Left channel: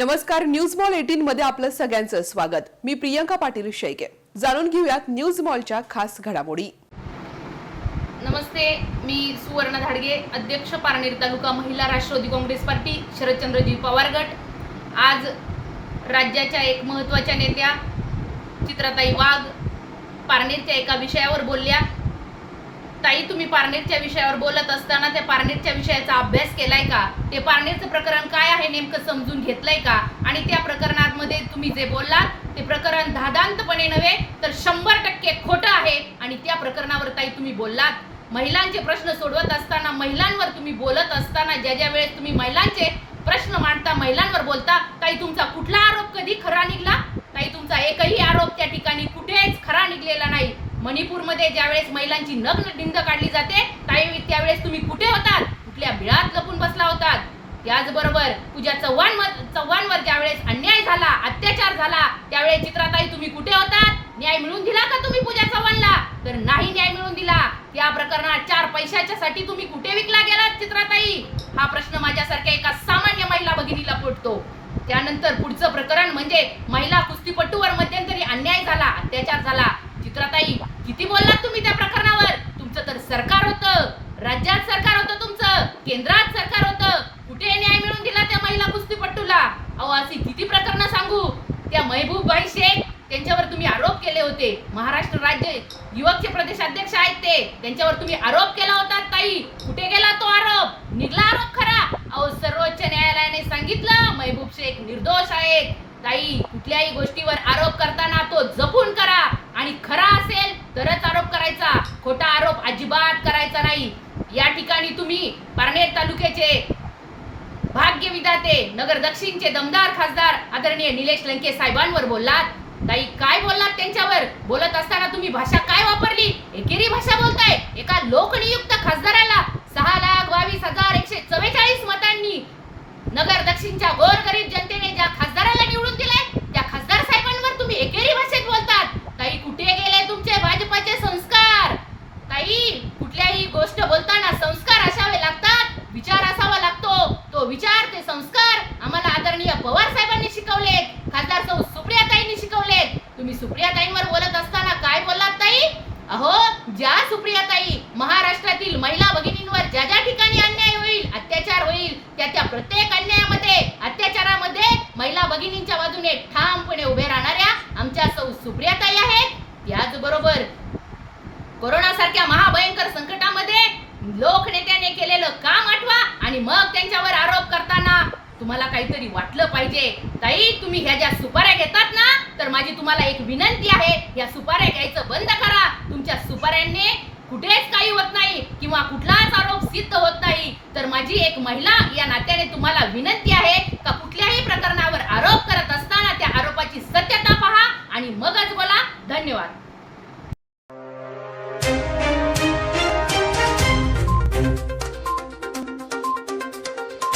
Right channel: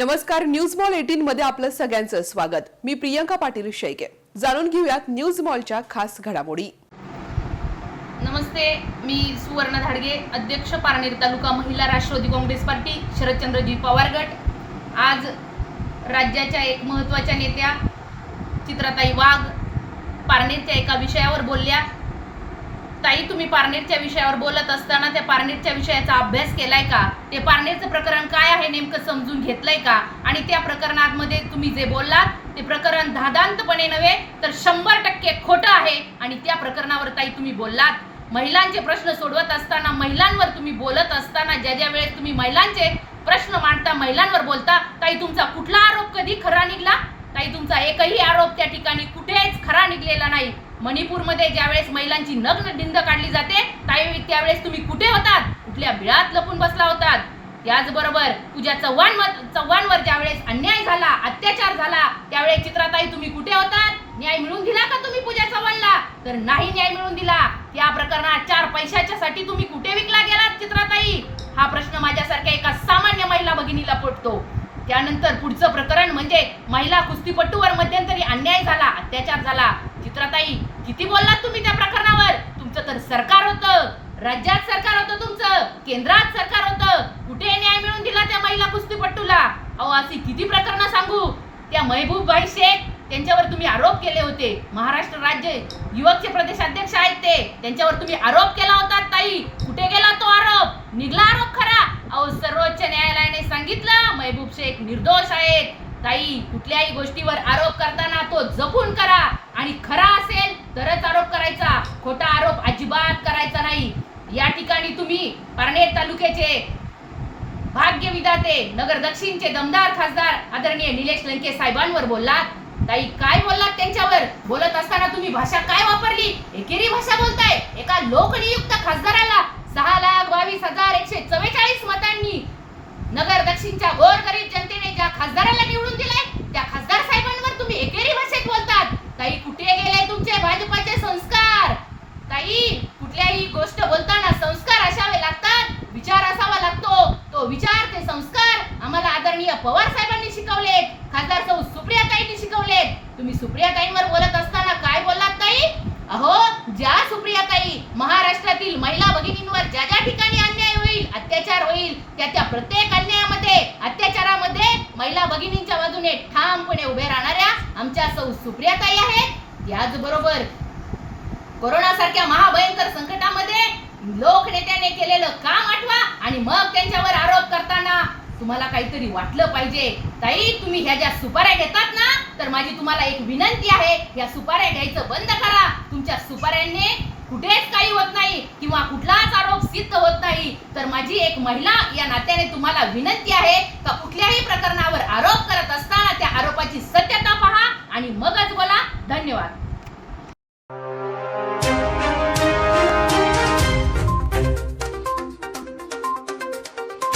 नमस्कार news mall eighteen मध्ये आपलं सगळ्यांचं स्वागत. मी प्रियंका पाटील शेळके. जाणून घेऊयात न्यूज मॉलच्या खास घडामोडी. नमस्ते मी सुवर्ण धाडगे अध्यक्ष पारनेर तालुका महिला राष्ट्रवादी काँग्रेस पार्टी शरदचंद्रजी पवार गट. आज राज्याच्या एक महत्त्वाच्या नेत्या चित्रताई वाघ पारनेरच्या एका विषयावर बोलल्या. ताई तुम्ही पारनेरच्या विषयावर बोलत असताना त्या पारनेरच्या विषयाचा अभ्यास केलाय का? ते पारनेरचं प्रकरण काय आहे नेमकं समजून घेतलंय का? आणि त्या प्रकरणामध्ये तुम्ही जे बोललात ते प्रकरण धादांतपणे नव्हे तर शंभर टक्के खोटं आहे. आणि त्या प्रकरणावर ताई तुम्ही बोललात. महिलांचे प्रश्न सोडवत असताना महिलांवर तुम्ही बोलत असताना ज्या ज्या वेळेस तुम्ही महिलांचे प्रश्न मांडता महिलांवर बोलता ताई तुमचा कुठला आरोप कधी खरा निघला? ताई तुमचा एकही आरोप त्या ठिकाणी कुठेच खरा निघलेला नाही. मणिपूरमध्ये ज्यावेळेस महिलांची नग्न ढिंद काढली जाते ताई त्यावेळेस तुम्ही कुठे होतात? कुठल्या बिळात लपून बसला होतात? त्याचबरोबर पूजा चव्हाण चव्हाणवर ज्यावेळेस अन्याय झाला अत्याचार झाला त्यावेळेस चित्राताई तुम्ही कुठे होतात? न्याय मिळून दिला का तुम्ही पूजा चव्हाणला? तर नाही न्याय मिळून दिला. त्या प्रकरणात चार पैशाच्या साठी तुम्ही कुठे विकला गेलात चित्राताई? हा प्रश्न माझ्यासारख्या एका सामान्य महिला भगिनीला पडतो त्यानंतर पुढचं प्रकरण म्हणजे महिला कुस्तीपटूवर मध्यंतरी अन्याय झाला अत्याचार झाला. चित्राताई किती बोललात तुम्ही त्या प्रकरणावर? तुमचं तर सरकार होतं. राज्यात सरकार होतं तुमचं. केंद्रात सरकार होतं. कुठे न्याय मिळवून दिला त्या महिला कुस्तीपट्टूला अहो अशी किती प्रकरणं सांगू? त्या महबूबबाई शेख त्यांच्यावर तुम्ही आरोप केले होते. महाराष्ट्र राज्य युवकचे प्रदेशाध्यक्ष आहेत ते. त्यांच्यावर तुम्ही आरोप केला होता ताई. कुठे गेला तो आरोप? निघला आरोप खरा. अहो सर्वोच्च न्यायालयाने सांगितलं महबूब शेख निर्दोष आहेत. ताई कुठल्याही गोष्टीवर आरोप करताना तो जपून करा. आणि खरा असेल तरच आरोप करायचा. खोटा आरोप अजिबात करायचा नाही. या ठिकाणी तुम्ही पारनेर तालुक्याचे भाग्य विधाते नगर दक्षिणचे दमदार खासदार आदरणीय निलेश लंके साहेबांवर बोललात. ताई काय बोललात त्यांच्यावर? बोलत असताना तुम्ही भाषा काय वापरली? एकेरी भाषा बोलताय. एका लोकनियुक्त खासदाराला सहा लाख बावीस हजार एकशे चव्वेचाळीस मत नगर दक्षिणच्या गोरगरीब जनतेने ज्या खासदाराला निवडून दिलाय त्या खासदार साहेबांवर तुम्ही एकेरी भाषेत बोलतात ताई कुठे गेले तुमचे भाजपाचे संस्कार ताई कुठल्याही गोष्ट बोलताना संस्कार असावे लागतात विचार असावा लागतो तो विचार ते संस्कार आम्हाला आदरणीय पवार साहेबांनी शिकवले खासदार सौ सुप्रिया ताईंनी शिकवले. तुम्ही सुप्रिया ताईंवर बोलत असताना काय बोललात ताई? अहो ज्या सुप्रिया ताई महाराष्ट्रातील महिला भगिनींवर ज्या ज्या ठिकाणी अन्याय होईल अत्याचार होईल त्या त्या प्रत्येक अन्यायामध्ये अत्याचारामध्ये महिला भगिनींच्या बाजूने ठामपणे उभे राहणाऱ्या आमच्या सौ सुप्रिया ताई आहेत. त्याचबरोबर कोरोना सारख्या महाभयंकर संकटामध्ये लोकनेत्याने केलेलं काम आठवा आणि मग त्यांच्यावर आरोप तुम्हाला काहीतरी वाटलं पाहिजे. ताई तुम्ही ह्या ज्या सुपाऱ्या घेतात ना तर माझी तुम्हाला एक विनंती आहे या सुपाऱ्या घ्यायचं बंद करा. तुमच्या सुपाऱ्यांनी कुठेच काही होत नाही किंवा कुठलाच आरोप सिद्ध होत नाही. तर माझी एक महिला या नात्याने तुम्हाला विनंती आहे का कुठली